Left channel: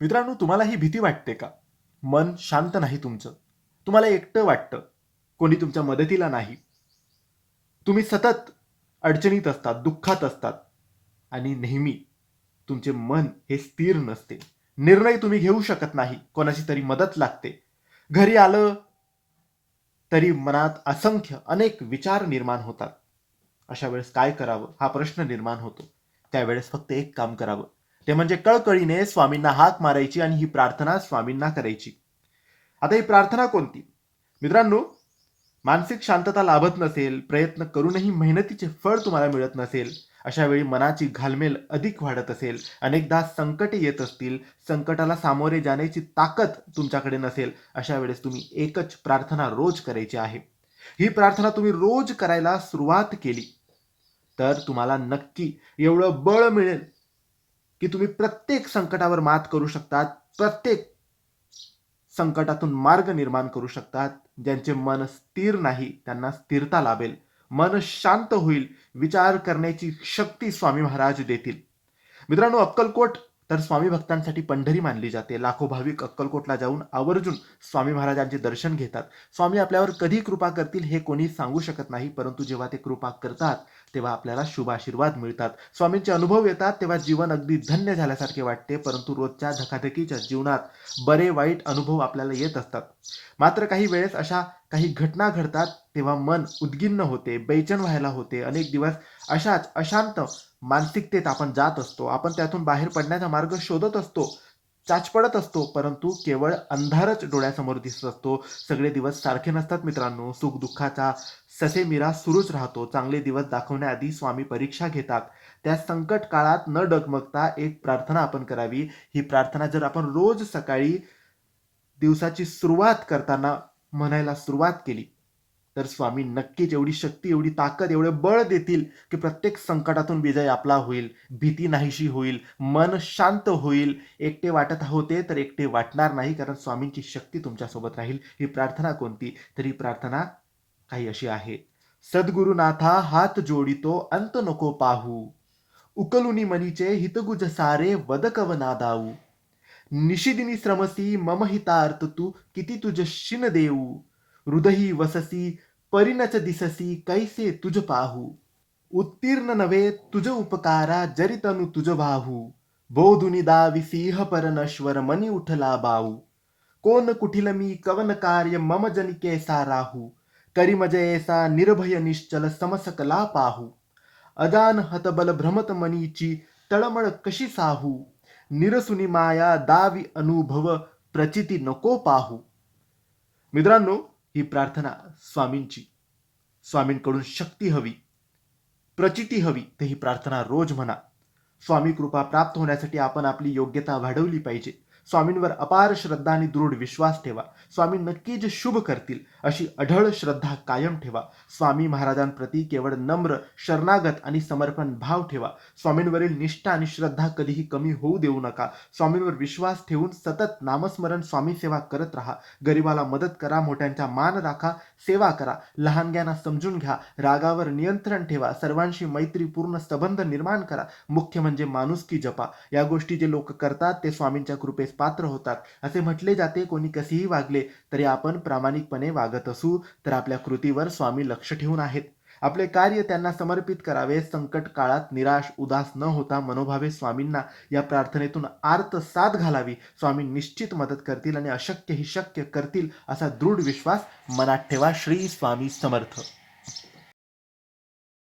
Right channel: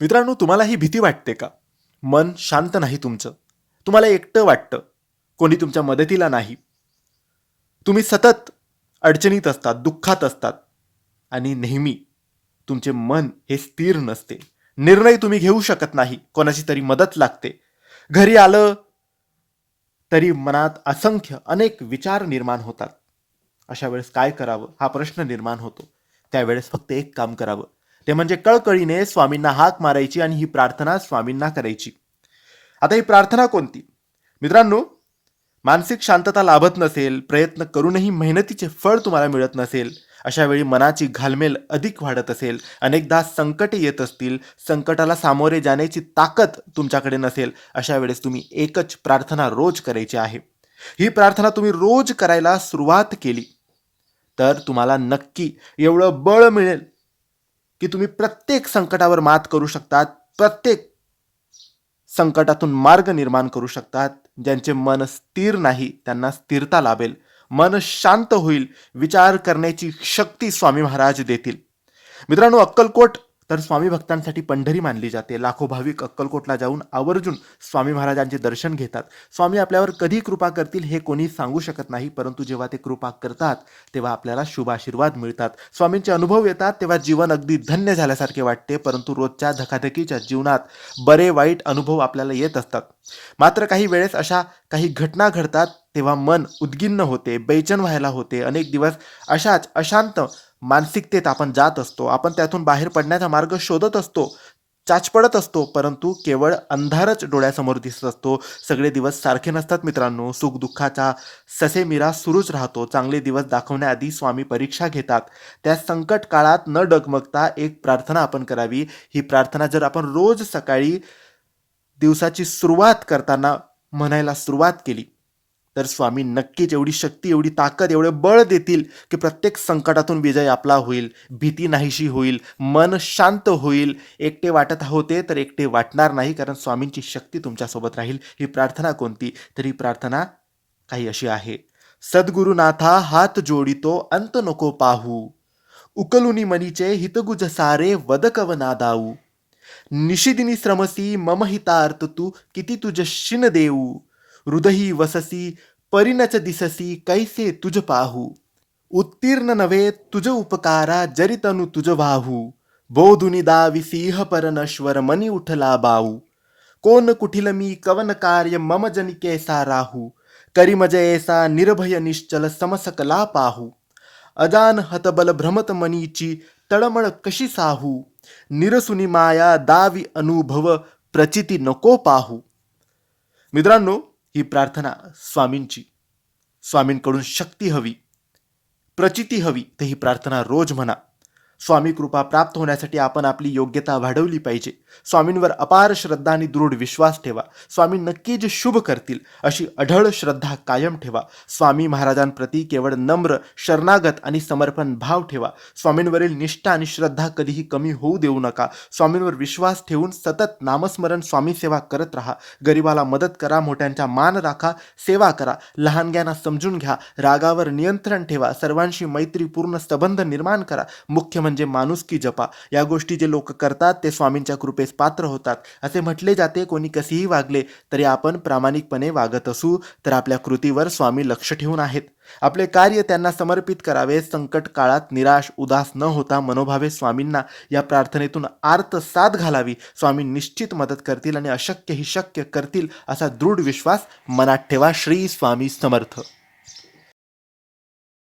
मित्रांनो तुम्हाला ही भीती वाटते का? मन शांत नाही तुमचं. तुम्हाला एकटं वाटतं. कोणी तुमच्या मदतीला नाही. तुम्ही सतत अडचणीत असतात दुःखात असतात. आणि नेहमी तुमचे मन हे स्थिर नसते. निर्णय तुम्ही घेऊ शकत नाही. कोणाची तरी मदत लागते. घरी आलं तरी मनात असंख्य अनेक विचार निर्माण होतात. अशा वेळेस काय करावं? हा प्रश्न निर्माण होतो. त्यावेळेस फक्त एक काम करावं. ते म्हणजे कळकळीने स्वामींना हाक मारायची आणि ही प्रार्थना स्वामींना करायची. आता ही प्रार्थना कोणती? मित्रांनो मानसिक शांतता लाभत नसेल प्रयत्न करूनही मेहनतीचे फळ तुम्हाला मिळत नसेल अशा वेळी मनाची घालमेल अधिक वाढत असेल अनेकदा संकटे येत असतील संकटाला सामोरे जाण्याची ताकद तुमच्याकडे नसेल अशा वेळेस तुम्ही एकच प्रार्थना रोज करायची आहे. ही प्रार्थना तुम्ही रोज करायला सुरुवात केली तर तुम्हाला नक्की एवढं बळ मिळेल की तुम्ही प्रत्येक संकटावर मात करू शकतात प्रत्येक संकटातून मार्ग निर्माण करू शकतात ज्यांचे मन स्थिर नाही त्यांना स्थिरता लाभेल. मन शांत होईल विचार करण्याची शक्ती स्वामी महाराज देतील. मित्रांनो अक्कलकोट तर स्वामी भक्तांसाठी पंढरी मानली जाते. लाखो भाविक अक्कलकोटला जाऊन आवर्जून स्वामी महाराजांचे दर्शन घेतात. स्वामी आपल्यावर कधी कृपा करतील हे कोणी सांगू शकत नाही परंतु जेव्हा ते कृपा करतात तेव्हा आपल्याला शुभ आशीर्वाद मिळतात. स्वामींचे अनुभव येतात तेव्हा जीवन अगदी धन्य झाल्यासारखे वाटते परंतु रोजच्या धकाधकीच्या जीवनात बरे वाईट अनुभव आपल्याला येत असतात. मात्र काही वेळेस अशा काही घटना घडतात तेव्हा मन उद्गिन्न होते बेचन व्हायला होते. अनेक दिवस अशाच अशांत मानसिकतेत आपण जात असतो आपण त्यातून बाहेर पडण्याचा मार्ग शोधत असतो चाचपडत असतो परंतु केवळ अंधारच डोळ्यासमोर दिसत असतो. सगळे दिवस सारखे नसतात मित्रांनो. सुख दुःखाचा ससेमिरा सुरूच राहतो. चांगले दिवस दाखवण्याआधी स्वामी परीक्षा घेतात. त्या संकट काळात न डगमगता एक प्रार्थना आपण करावी. ही प्रार्थना जर आपण रोज सकाळी दिवसाची सुरुवात करताना म्हणायला सुरुवात केली तर स्वामी नक्कीच एवढी शक्ती एवढी ताकद एवढे बळ देतील की प्रत्येक संकटातून विजय आपला होईल भीती नाहीशी होईल मन शांत होईल. एकटे वाटत होते तर एकटे वाटणार नाही कारण स्वामींची शक्ती तुमच्यासोबत राहील. ही प्रार्थना कोणती? तर ही प्रार्थना काही अशी आहे. सद्गुरुनाथा हात जोडितो अंत नको पाहू. उकलुनी मनीचे हितगुज सारे वदकव नादाऊ. निशिदिनी श्रमसी मम हितार्थ तू किती तुझ शिन देऊ. हृदयी वससी परिणच दिससी कैसे तुझ पाहू। उत्तीर्ण नव्हे तुझ उपकारा जरितनु तुझ वाहू। बोधुनी दावी सिंह परनश्वर मनी उठला बाऊ कोण कुठिल मी कवन कार्य मम जनिकेसा कैसा राहू। करी मज ऐसा निर्भय निश्चल समसकला पाहू। अजान हतबल भ्रमत मनीची तळमळ कशी साहू। निरसुनी माया दावी अनुभव प्रचिती नको पाहू। मित्रांनो ही प्रार्थना स्वामींची स्वामींकडून शक्ती हवी प्रचिती हवी तर ही प्रार्थना रोज म्हणा. स्वामी कृपा प्राप्त होण्यासाठी आपण आपली योग्यता वाढवली पाहिजे. स्वामींवर अपार श्रद्धा आणि दृढ विश्वास ठेवा. स्वामी नक्कीच शुभ करतील अशी अढळ श्रद्धा कायम ठेवा. स्वामी महाराजांप्रती केवळ नम्र शरणागत आणि समर्पण भाव ठेवा. स्वामींवरील निष्ठा आणि श्रद्धा कधीही कमी होऊ देऊ नका. स्वामींवर विश्वास ठेवून सतत नामस्मरण स्वामी सेवा करत राहा. गरिबाला मदत करा मोठ्यांचा मान राखा सेवा करा. लहानग्यांना समजून घ्या. रागावर नियंत्रण ठेवा. सर्वांशी मैत्रीपूर्ण संबंध निर्माण करा. मुख्यमंत्री म्हणजे माणुसकी जपा. या गोष्टी जे लोक करतात ते स्वामींच्या कृपेस पात्र होतात. असे म्हटले जाते कोणी कसेही वागले तरी आपण प्रामाणिकपणे वागत असू तर आपल्या कृतीवर स्वामी लक्ष ठेवून आहेत. आपले कार्य त्यांना समर्पित करावे संकट काळात निराश उदास न होता मनोभावे स्वामींना या प्रार्थनेतून आर्त साथ घालावी. स्वामी निश्चित मदत करतील आणि अशक्य ही शक्य करतील असा दृढ विश्वास मनात ठेवा श्री स्वामी समर्थ.